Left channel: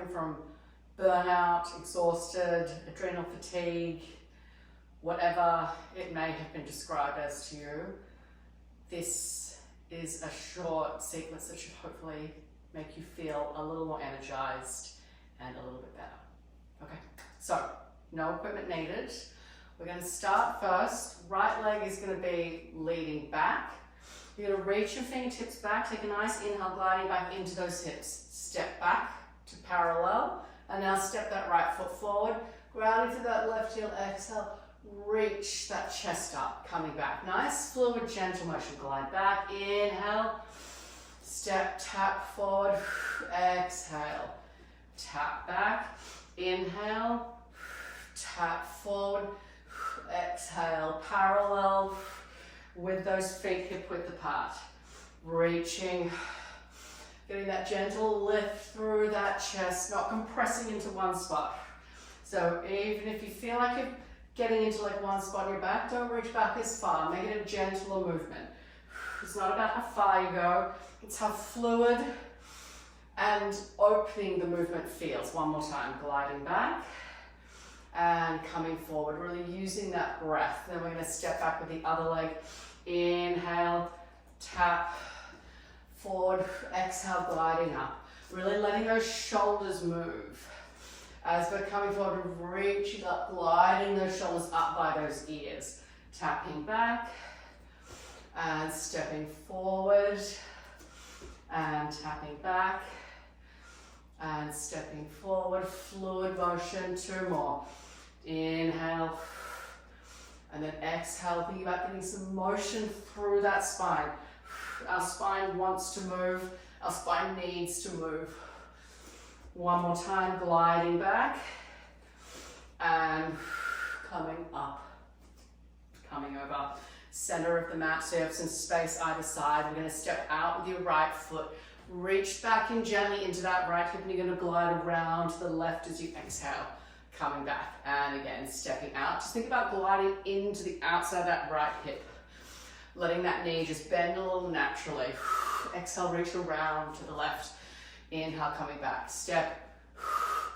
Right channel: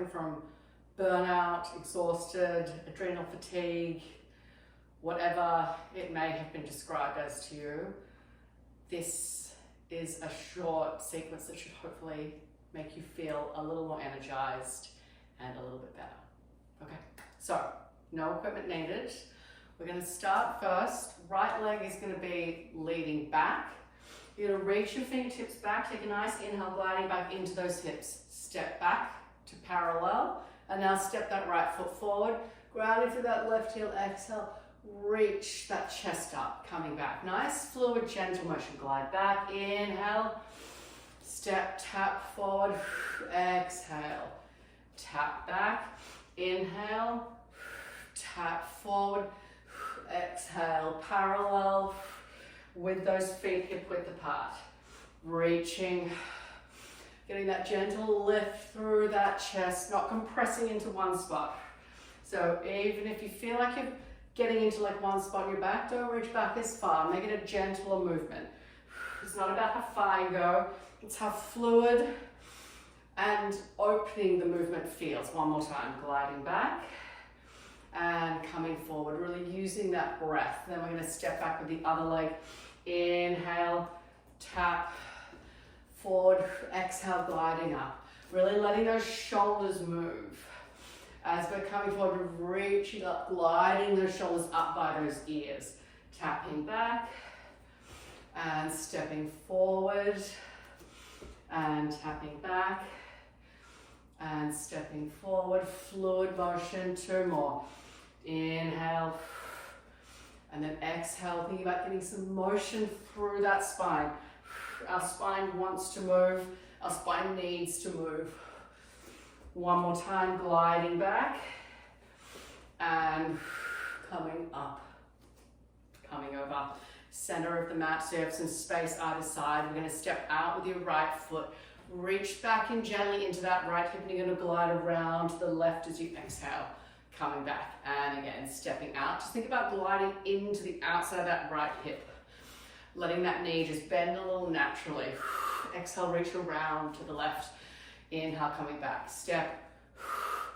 suffering from burnout, exhausted, adrenal fatigue, whatever it may have been described as to you, this is a short sequence that should hopefully make you feel a little more energized and a little bit better. Okay, so no equipment needed. We're going to start first. Right leg is going to be leading back. You're going to reach your fingertips back, take a nice inhale, gliding back into those hips. Step back to parallel, and now step that right foot forward, grounding through that left heel, exhale, reach that chest up, coming back. Nice, fluid, gentle motion, glide back, inhale, step, tap forward, exhale, tap back, inhale, tap forward, exhale, parallel with those feet hip width apart, reaching, getting that gentle lift through that chest, not compressing into one spot. So even if you feel like you're getting into like one spot in your back, don't reach back as far, make it a gentler movement. It's not about how far you go, it's how fluid and opening the movement feels. One more time, gliding back and coming forward, really using that breath. Then we're going to step back with the other leg. Inhale, tap, forward, exhale, gliding up. Really letting those shoulders move. As we're coming forward, reaching up, gliding those shoulders up by those ears. Tapping back and stepping forward and tapping back and stepping forward. Fluid motion, two more. Inhale, and then exhale, thinking about getting some motion through that spine. Our spine wants to move, our spine needs to move. One more time, gliding back and coming up, coming over. Center of the mat, so you have some space either side. We're going to step out with your right foot, reach back in gently into that right hip, and you're going to glide around to the left as you exhale. Coming back, and again, stepping out. Just think about gliding into the outside of that right hip. Letting that knee just bend a little naturally. Exhale, reach around to the left. Inhale, coming back. Step.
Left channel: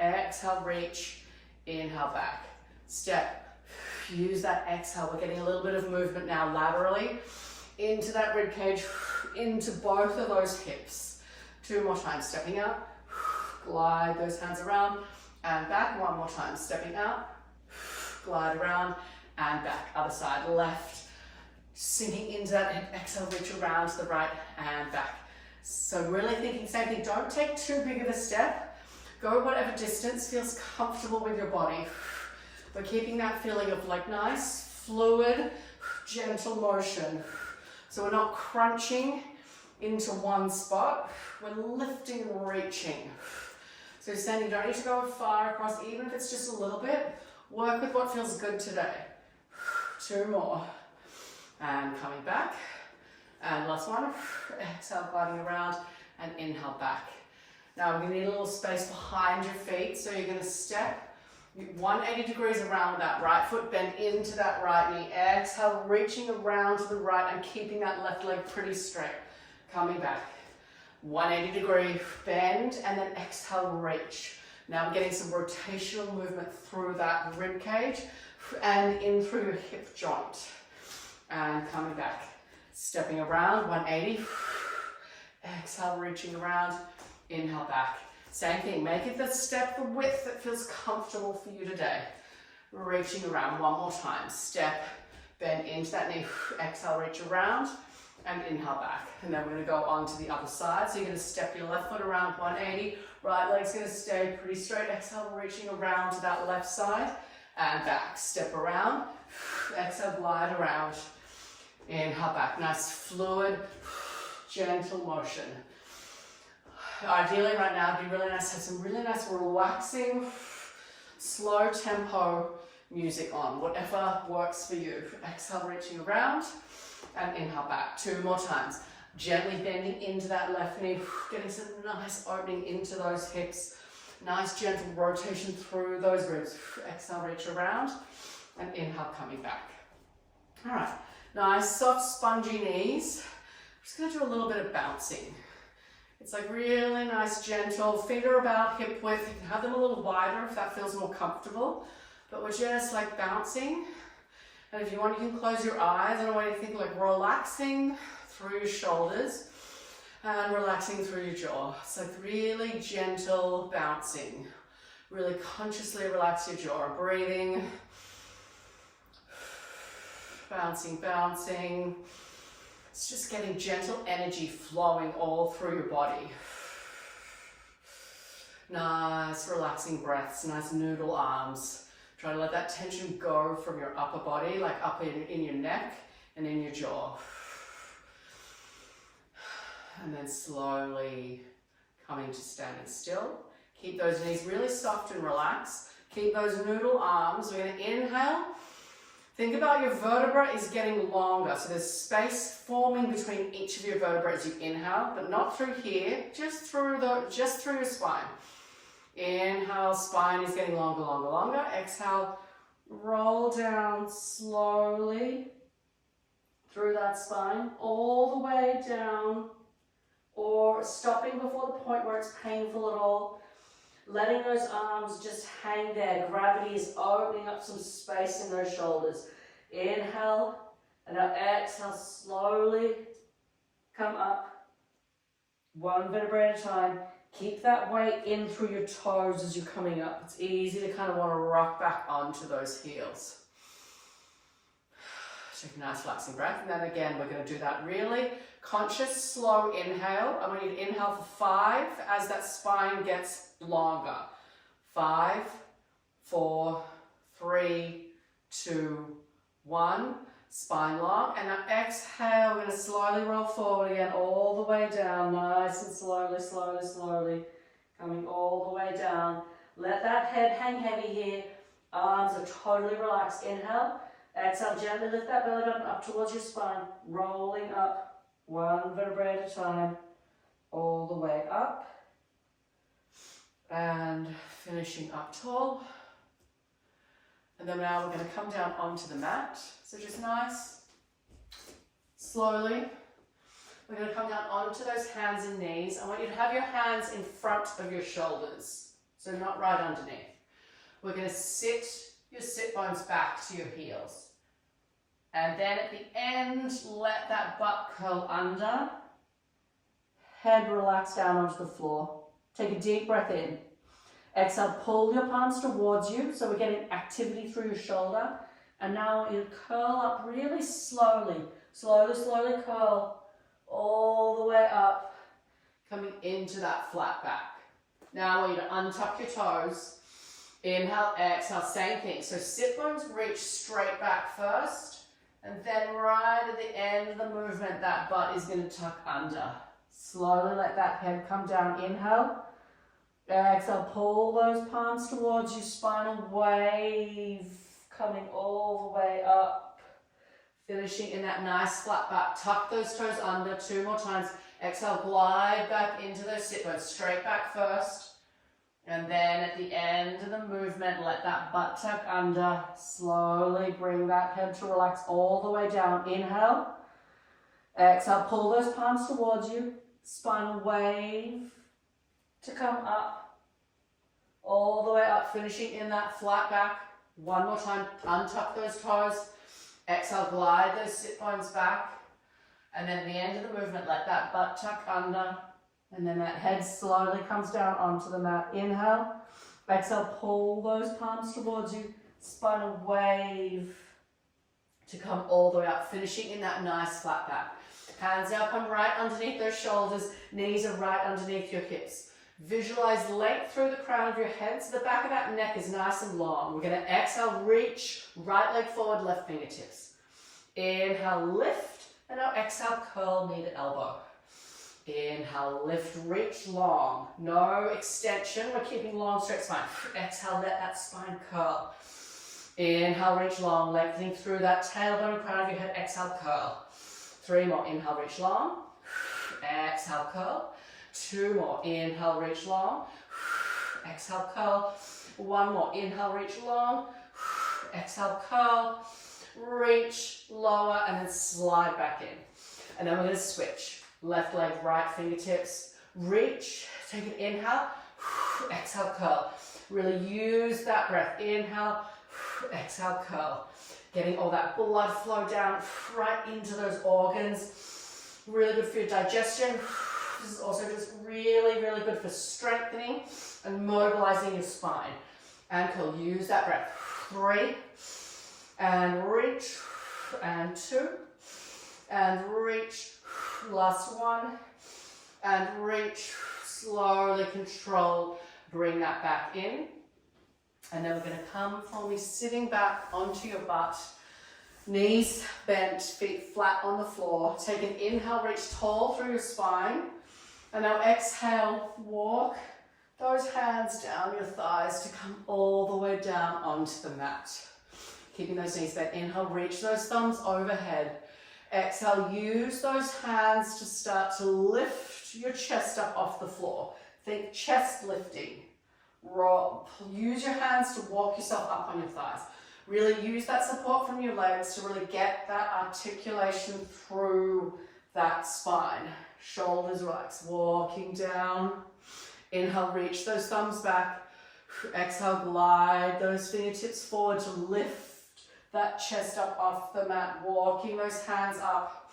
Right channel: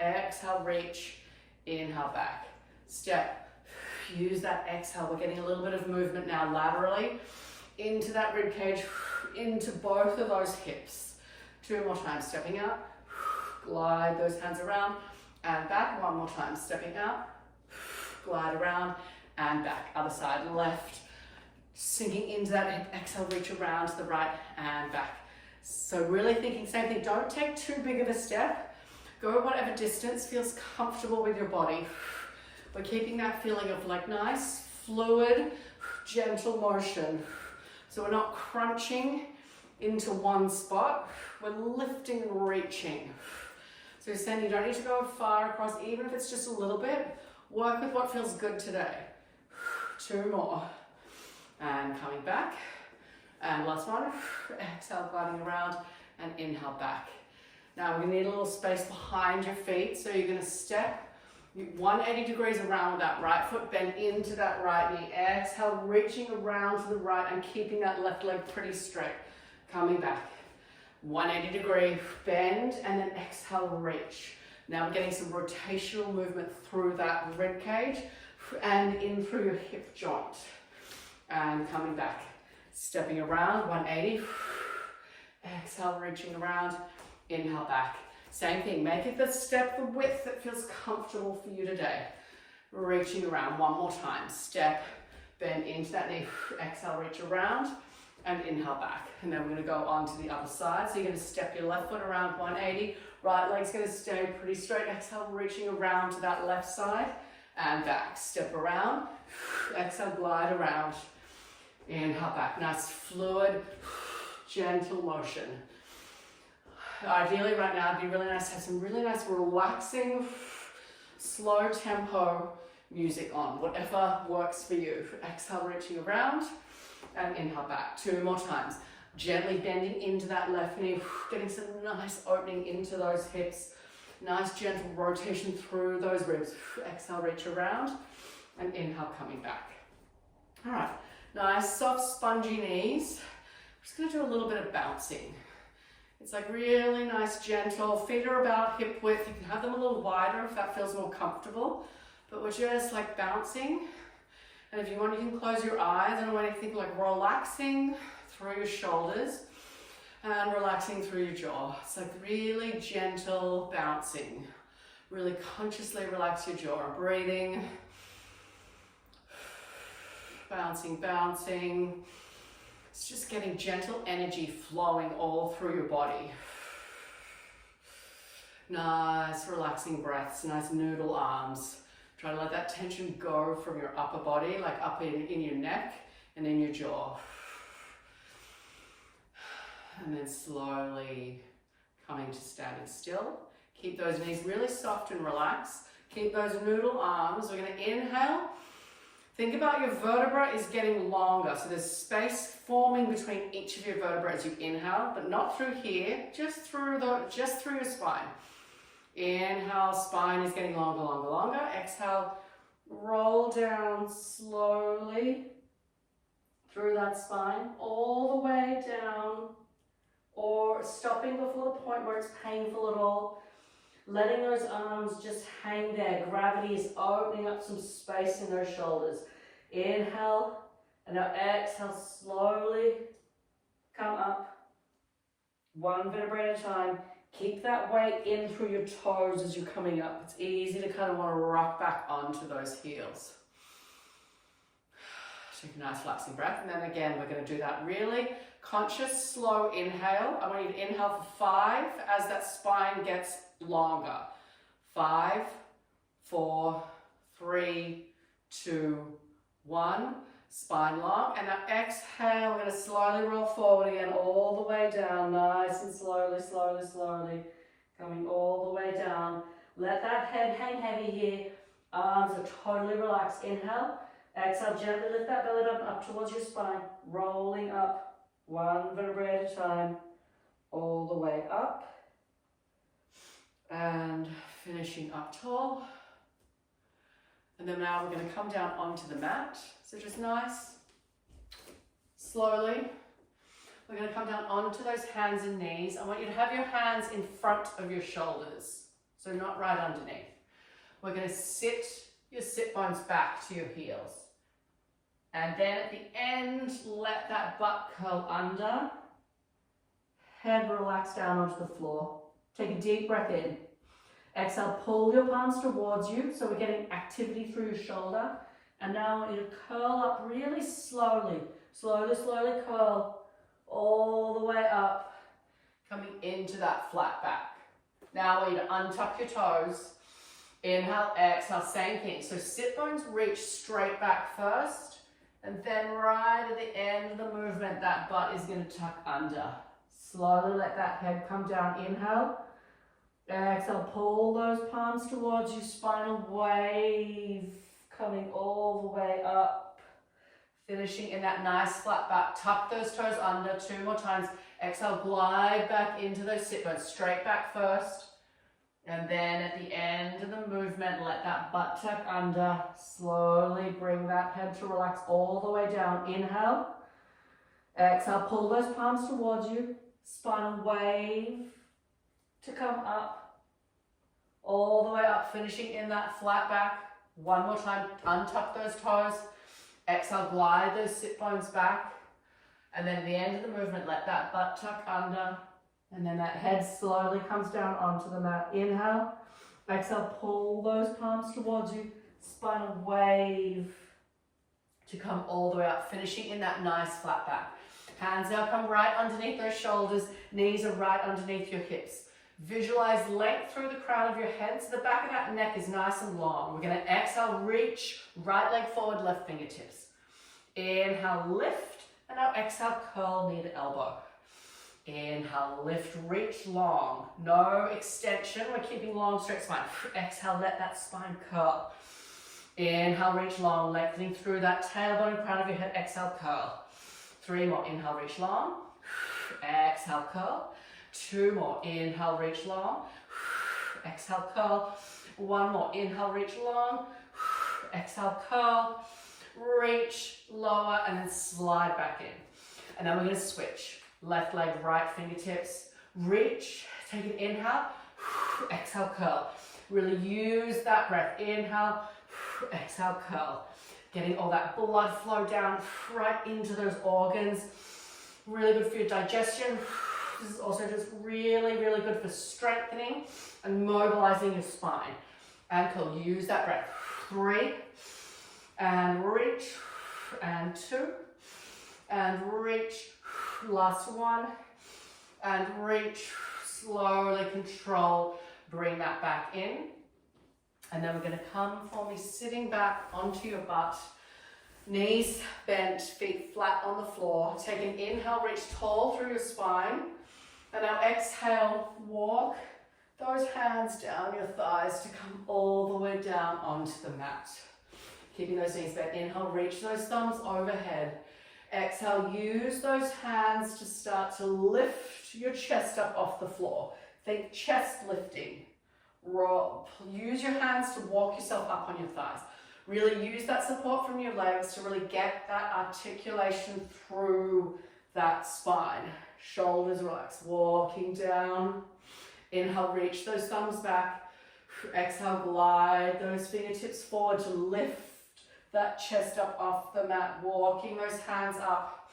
Exhale, reach. Inhale, back. Step. Use that exhale. We're getting a little bit of movement now laterally into that rib cage, into both of those hips. Two more times. Stepping out. Glide those hands around. And back, one more time, stepping out, glide around, and back, other side, left, sinking into that, and exhale, reach around to the right, and back. So really thinking, same thing, don't take too big of a step, go whatever distance feels comfortable with your body. We're keeping that feeling of like nice, fluid, gentle motion. So we're not crunching into one spot, we're lifting and reaching. So you're saying you don't need to go far across, even if it's just a little bit. Work with what feels good today. Two more. And coming back. And last one. Exhale, gliding around. And inhale back. Now we're going to need a little space behind your feet. So you're going to step 180 degrees around with that right foot. Bend into that right knee. Exhale, reaching around to the right and keeping that left leg pretty straight. Coming back. 180 degree bend, and then exhale, reach. Now we're getting some rotational movement through that rib cage and in through your hip joint. And coming back, stepping around, 180. Exhale, reaching around, inhale back. Same thing, make it the step, the width that feels comfortable for you today. Reaching around, one more time. Step, bend into that knee, exhale, reach around, and inhale back. And then we're going to go on to the other side. So you're going to step your left foot around 180. Right leg's going to stay pretty straight. Exhale, reaching around to that left side and back. Step around. Exhale, glide around. Inhale back. Nice, fluid, gentle motion. Ideally right now, it'd be really nice to have some really nice, relaxing, slow tempo music on. Whatever works for you. Exhale, reaching around. And inhale back, two more times. Gently bending into that left knee, getting some nice opening into those hips. Nice gentle rotation through those ribs. Exhale, reach around, and inhale, coming back. All right, nice soft spongy knees. We're just gonna do a little bit of bouncing. It's like really nice, gentle, feet are about hip width. You can have them a little wider if that feels more comfortable, but we're just like bouncing. And if you want, you can close your eyes. I don't want you to think like relaxing through your shoulders and relaxing through your jaw. It's like really gentle bouncing. Really consciously relax your jaw. Breathing. Bouncing, bouncing. It's just getting gentle energy flowing all through your body. Nice relaxing breaths, nice noodle arms. Try to let that tension go from your upper body, like up in your neck and in your jaw. And then slowly coming to standing still. Keep those knees really soft and relaxed. Keep those noodle arms. We're going to inhale. Think about your vertebra is getting longer. So there's space forming between each of your vertebrae as you inhale, but not through here, just through your spine. Inhale, spine is getting longer, longer, longer. Exhale, roll down slowly through that spine, all the way down, or stopping before the point where it's painful at all. Letting those arms just hang there. Gravity is opening up some space in those shoulders. Inhale, and now exhale, slowly come up. One vertebrae at a time. Keep that weight in through your toes as you're coming up. It's easy to kind of want to rock back onto those heels. Take a nice relaxing breath, and then again we're going to do that really conscious, slow inhale. I want you to inhale for 5 as that spine gets longer. 5, 4, 3, 2, 1. Spine long, and now exhale. We're going to slowly roll forward again, all the way down, nice and slowly, slowly, slowly, coming all the way down. Let that head hang heavy here. Arms are totally relaxed. Inhale, exhale, gently lift that belly button up towards your spine, rolling up, one vertebrae at a time, all the way up, and finishing up tall. And then now we're going to come down onto the mat. So just nice, slowly. We're going to come down onto those hands and knees. I want you to have your hands in front of your shoulders, so not right underneath. We're going to sit your sit bones back to your heels. And then at the end, let that butt curl under. Head relax down onto the floor. Take a deep breath in. Exhale, pull your palms towards you, so we're getting activity through your shoulder. And now you curl up really slowly. Slowly, slowly curl all the way up, coming into that flat back. Now I want you to untuck your toes. Inhale, exhale, same thing. So sit bones reach straight back first, and then right at the end of the movement, that butt is going to tuck under. Slowly let that head come down. Inhale. Exhale, pull those palms towards you, spinal wave, coming all the way up, finishing in that nice flat back. Tuck those toes under 2 more times. Exhale, glide back into those sit bones, straight back first, and then at the end of the movement, let that butt tuck under. Slowly bring that head to relax all the way down. Inhale, exhale, pull those palms towards you, spinal wave to come up, all the way up, finishing in that flat back. One more time, untuck those toes. Exhale, glide those sit bones back. And then at the end of the movement, let that butt tuck under. And then that head slowly comes down onto the mat. Inhale. Exhale, pull those palms towards you. Spinal wave to come all the way up, finishing in that nice flat back. Hands now come right underneath those shoulders. Knees are right underneath your hips. Visualize length through the crown of your head, so the back of that neck is nice and long. We're going to exhale, reach, right leg forward, left fingertips. Inhale, lift, and now exhale, curl knee to elbow. Inhale, lift, reach long. No extension, we're keeping long, straight spine. Exhale, let that spine curl. Inhale, reach long, lengthening through that tailbone and crown of your head. Exhale, curl. 3 more, inhale, reach long. Exhale, curl. 2 more, inhale, reach long, exhale, curl. 1 more, inhale, reach long, exhale, curl, reach, lower, and then slide back in. And then we're going to switch. Left leg, right fingertips. reach, take an inhale, exhale, curl. Really use that breath. Inhale, exhale, curl. Getting all that blood flow down right into those organs. Really good for your digestion. This is also just really, really good for strengthening and mobilizing your spine. And curl. Use that breath. 3, and reach, and 2, and reach. Last 1, and reach. Slowly control. Bring that back in. And then we're going to come for me sitting back onto your butt. Knees bent, feet flat on the floor. Take an inhale, reach tall through your spine. And now exhale, walk those hands down your thighs to come all the way down onto the mat. Keeping those knees bent. Inhale, reach those thumbs overhead. Exhale, use those hands to start to lift your chest up off the floor. Think chest lifting. Roll. Use your hands to walk yourself up on your thighs. Really use that support from your legs to really get that articulation through that spine. Shoulders relax, walking down. Inhale, reach those thumbs back. Exhale, glide those fingertips forward to lift that chest up off the mat, walking those hands up.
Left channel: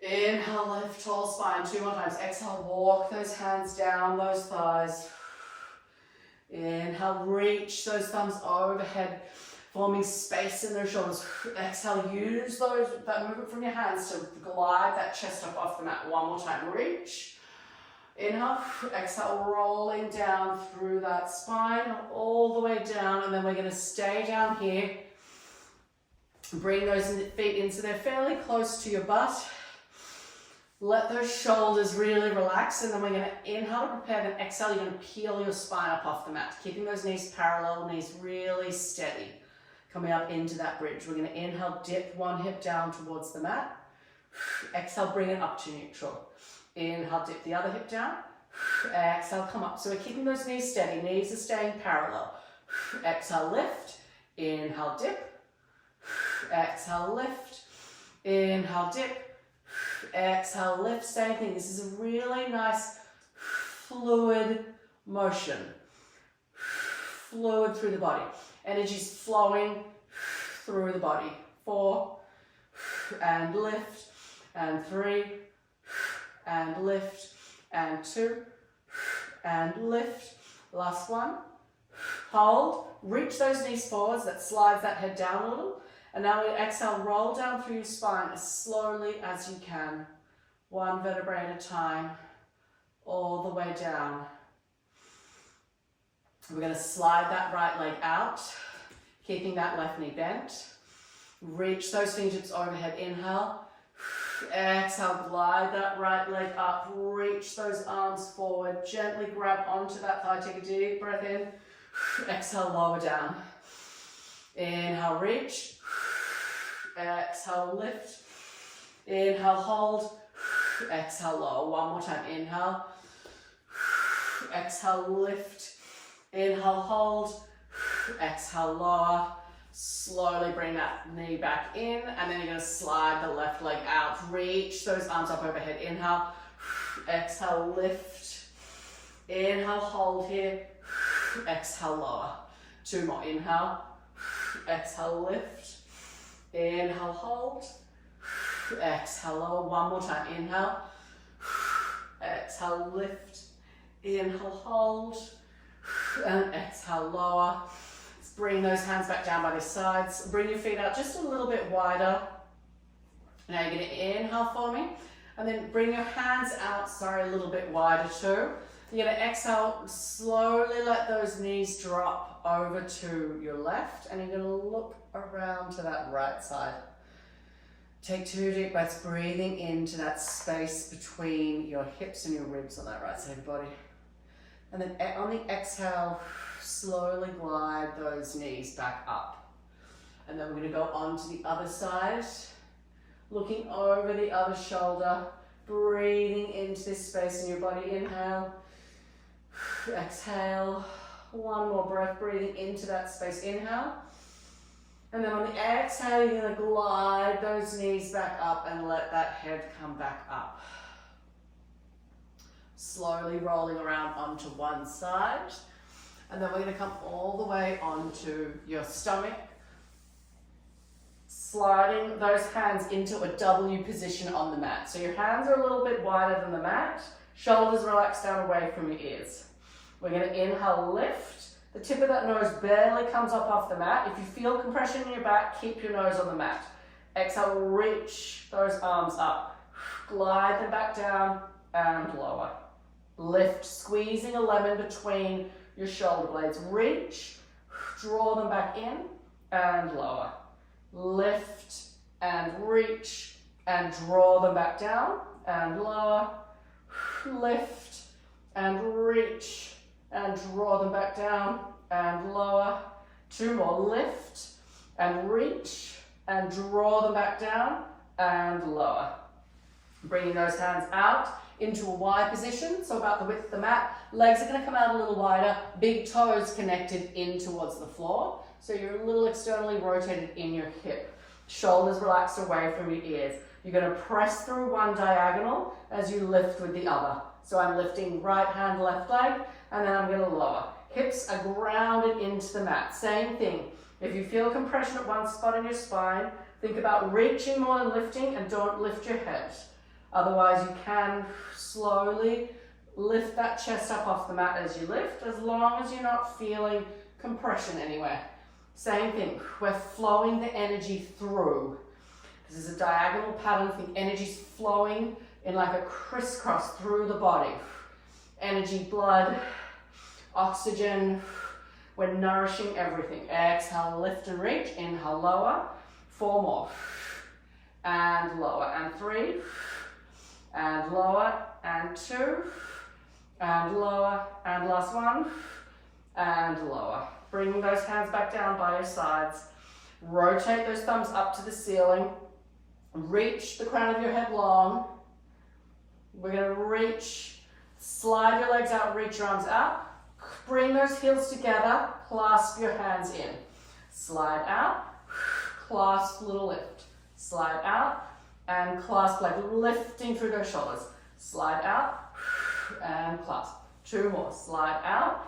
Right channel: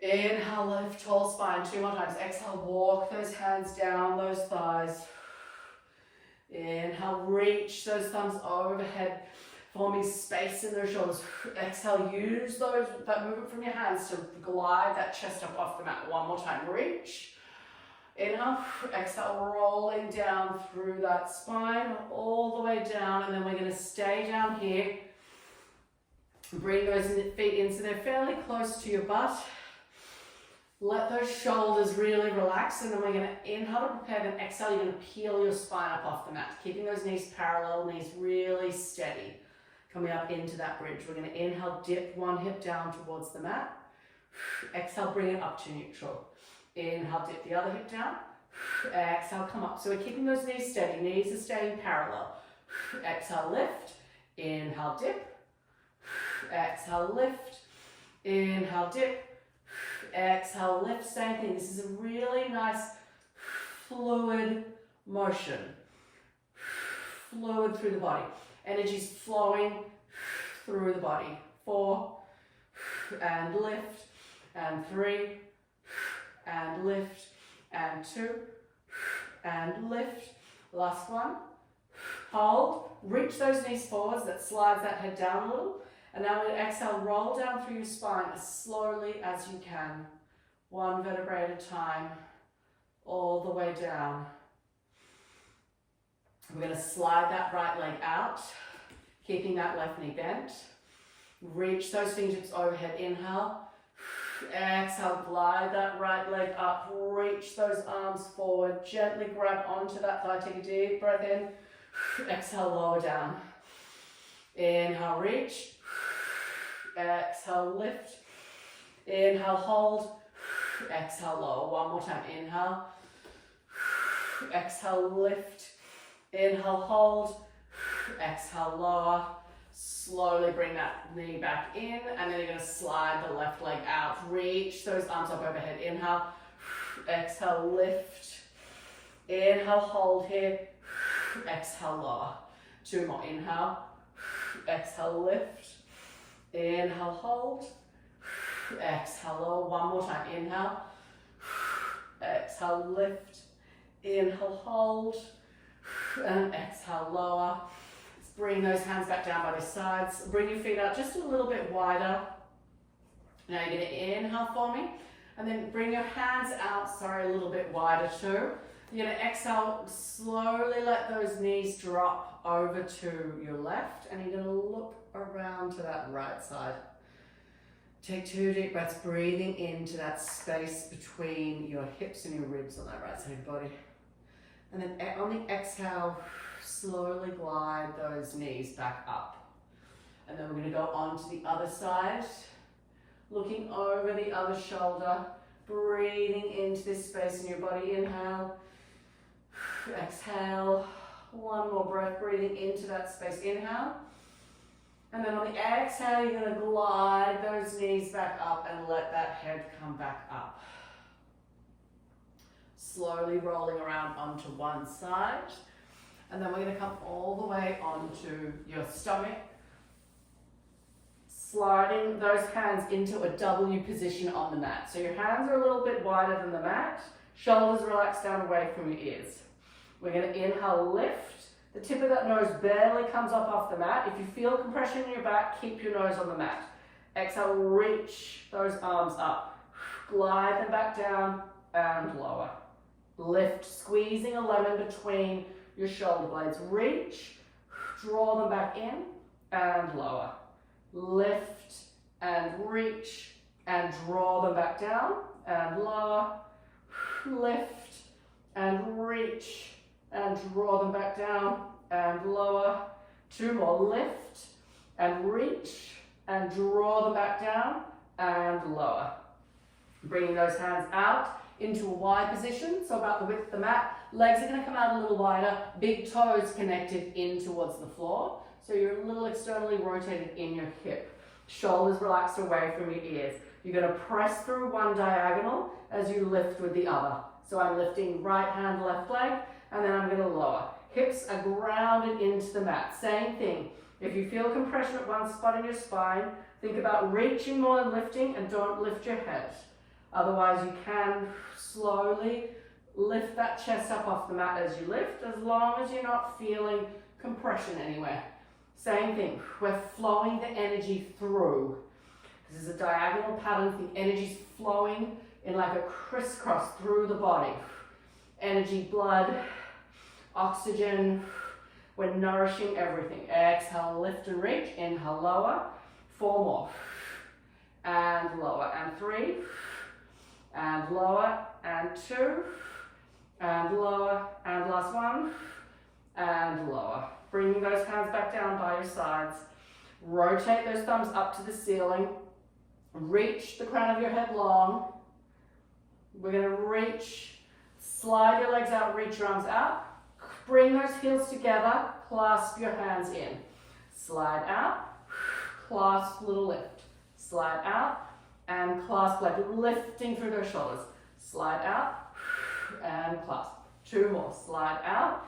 Inhale, lift tall spine. 2 more times. Exhale, walk those hands down those thighs. Inhale, reach those thumbs overhead, forming space in those shoulders. Exhale, use that movement from your hands to glide that chest up off the mat. 1 more time. Reach. Inhale, exhale, rolling down through that spine, all the way down, and then we're going to stay down here. Bring those feet in so they're fairly close to your butt. Let those shoulders really relax, and then we're going to inhale to prepare, then exhale, you're going to peel your spine up off the mat, keeping those knees parallel, knees really steady. Coming up into that bridge. We're going to inhale, dip one hip down towards the mat. Exhale, bring it up to neutral. Inhale, dip the other hip down. Exhale, come up. So we're keeping those knees steady. Knees are staying parallel. Exhale, lift. Inhale, dip. Exhale, lift. Inhale, dip. Exhale, lift. Same thing. This is a really nice fluid motion. Fluid through the body. Energy's flowing through the body. 4, and lift, and 3, and lift, and 2, and lift. Last 1. Hold. Reach those knees forwards. That slides that head down a little. And now we're going to exhale, roll down through your spine as slowly as you can. 1 vertebrae at a time, all the way down. We're going to slide that right leg out, keeping that left knee bent. Reach those fingertips overhead, inhale. Exhale, glide that right leg up, reach those arms forward, gently grab onto that thigh, take a deep breath in. Exhale, lower down. Inhale, reach. Exhale, lift. Inhale, hold. Exhale, lower. 1 more time, inhale. Exhale, lift. Inhale, hold. Exhale, lower. Slowly bring that knee back in, and then you're going to slide the left leg out. Reach those arms up overhead. Inhale. Exhale, lift. Inhale, hold here. Exhale, lower. 2 more. Inhale. Exhale, lift. Inhale, hold. Exhale, lower. 1 more time. Inhale. Exhale, lift. Inhale, hold. And exhale, lower. Let's bring those hands back down by the sides. Bring your feet out just a little bit wider. Now you're going to inhale for me. And then bring your hands out, a little bit wider too. You're going to exhale, slowly let those knees drop over to your left. And you're going to look around to that right side. Take 2 deep breaths, breathing into that space between your hips and your ribs on that right side of the body. And then on the exhale, slowly glide those knees back up. And then we're going to go on to the other side, looking over the other shoulder, breathing into this space in your body. Inhale, exhale, 1 more breath, breathing into that space. Inhale. And then on the exhale, you're going to glide those knees back up and let that head come back up. slowly rolling around onto one side. And then we're going to come all the way onto your stomach, sliding those hands into a W position on the mat. So your hands are a little bit wider than the mat, shoulders relax down away from your ears. We're going to inhale, lift. The tip of that nose barely comes up off the mat. If you feel compression in your back, keep your nose on the mat. Exhale, reach those arms up. Glide them back down and lower. Lift, squeezing a lemon between your shoulder blades. Reach, draw them back in and lower. Lift and reach and draw them back down and lower. Lift and reach and draw them back down and lower. Two more. Lift and reach and draw them back down and lower. Bringing those hands out into a wide position, so about the width of the mat. Legs are going to come out a little wider, big toes connected in towards the floor. So you're a little externally rotated in your hip. Shoulders relaxed away from your ears. You're going to press through one diagonal as you lift with the other. So I'm lifting right hand, left leg, and then I'm going to lower. Hips are grounded into the mat. Same thing. If you feel compression at one spot in your spine, think about reaching more than lifting, and don't lift your head. Otherwise, you can slowly lift that chest up off the mat as you lift, as long as you're not feeling compression anywhere. Same thing, we're flowing the energy through. This is a diagonal pattern. Think energy's flowing in like a crisscross through the body. Energy, blood, oxygen. We're nourishing everything. Exhale, lift and reach. Inhale, lower. 4 more. And lower. And 3. And lower. And 2. And lower. And last one. And lower. Bring those hands back down by your sides. Rotate those thumbs up to the ceiling. Reach the crown of your head long. We're going to reach, slide your legs out, reach your arms out. Bring those heels together, clasp your hands in. Slide out, clasp, little lift. Slide out and clasp, like lifting through those shoulders. Slide out and clasp. 2 more. Slide out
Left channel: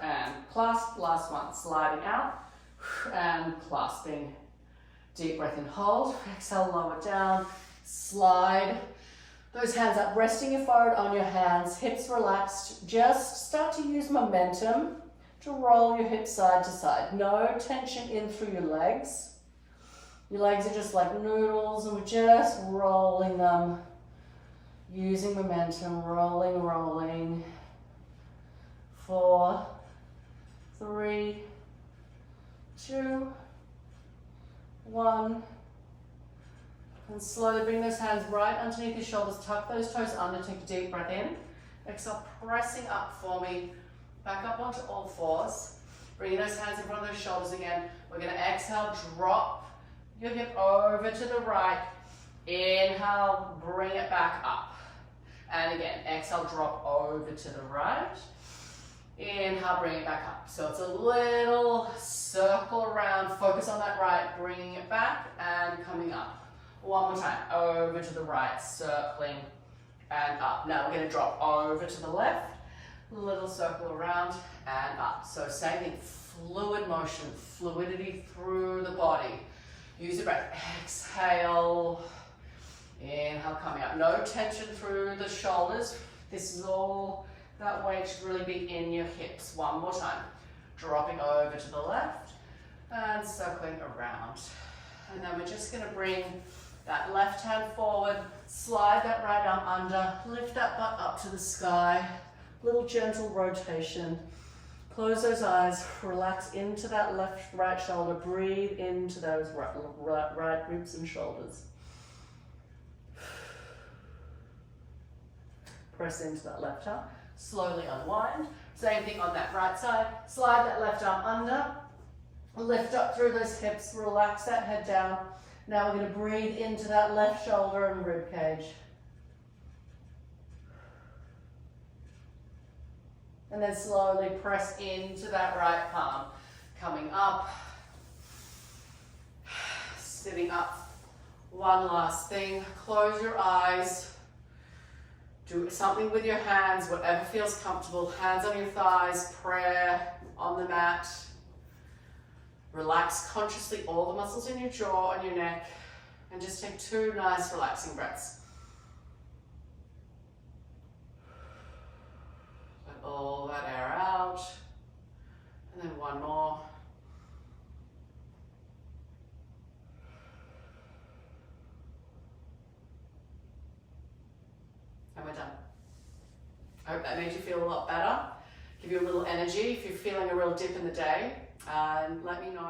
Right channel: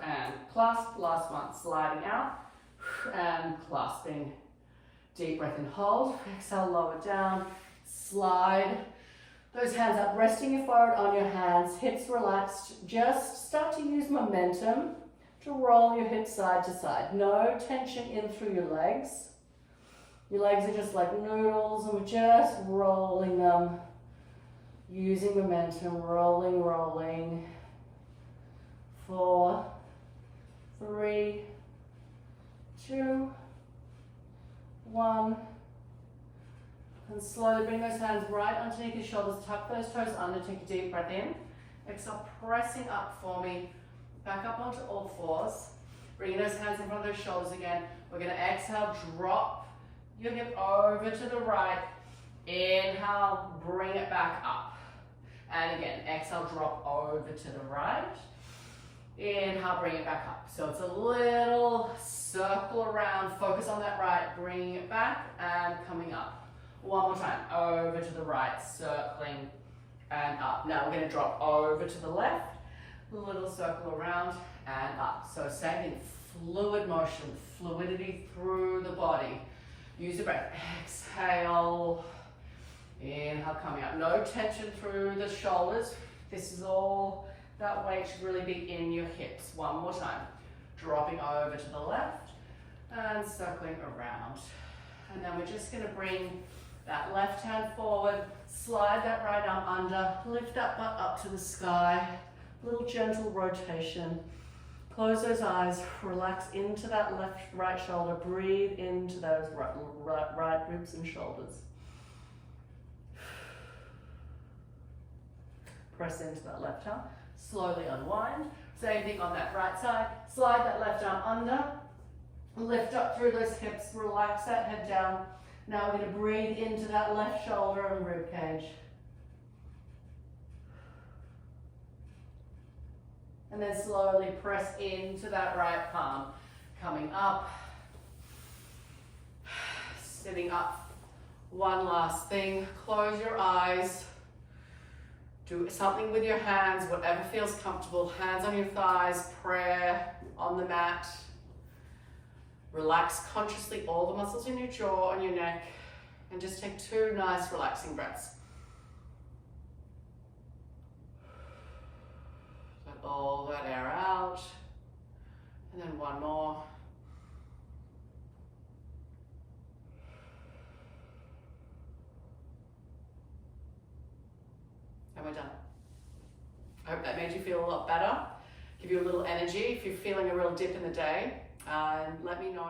and clasp. Last one. Sliding out and clasping. Deep breath in, hold. Exhale, lower down. Slide those hands up, resting your forehead on your hands, hips relaxed. Just start to use momentum to roll your hips side to side. No tension in through your legs. Your legs are just like noodles, and we're just rolling them, using momentum, rolling, rolling. 4, 3, 2, 1. And slowly bring those hands right underneath your shoulders, tuck those toes under, take a deep breath in. Exhale, pressing up for me, back up onto all fours. Bringing those hands in front of those shoulders again. We're going to exhale, drop your hip over to the right. Inhale, bring it back up. And again, exhale, drop over to the right. Inhale, bring it back up. So it's a little circle around, focus on that right, bringing it back and coming up. One more time, over to the right, circling and up. Now we're going to drop over to the left, little circle around and up. So same thing, fluid motion, fluidity through the body. Use the breath, exhale, inhale, coming up. No tension through the shoulders. This is all, that weight should really be in your hips. One more time, dropping over to the left and circling around. And then we're just going to bring that left hand forward, slide that right arm under, lift that butt up to the sky, little gentle rotation. Close those eyes, relax into that right shoulder, breathe into those right ribs and shoulders. Press into that left arm, slowly unwind. Same thing on that right side, slide that left arm under, lift up through those hips, relax that head down. Now we're going to breathe into that left shoulder and rib cage. And then slowly press into that right palm. Coming up. Sitting up. One last thing. Close your eyes. Do something with your hands, whatever feels comfortable. Hands on your thighs, prayer on the mat. Relax consciously all the muscles in your jaw and your neck. And just take 2 nice relaxing breaths. Let all that air out. And then 1 more. And we're done. I hope that made you feel a lot better. Give you a little energy if you're feeling a real dip in the day. And let me know.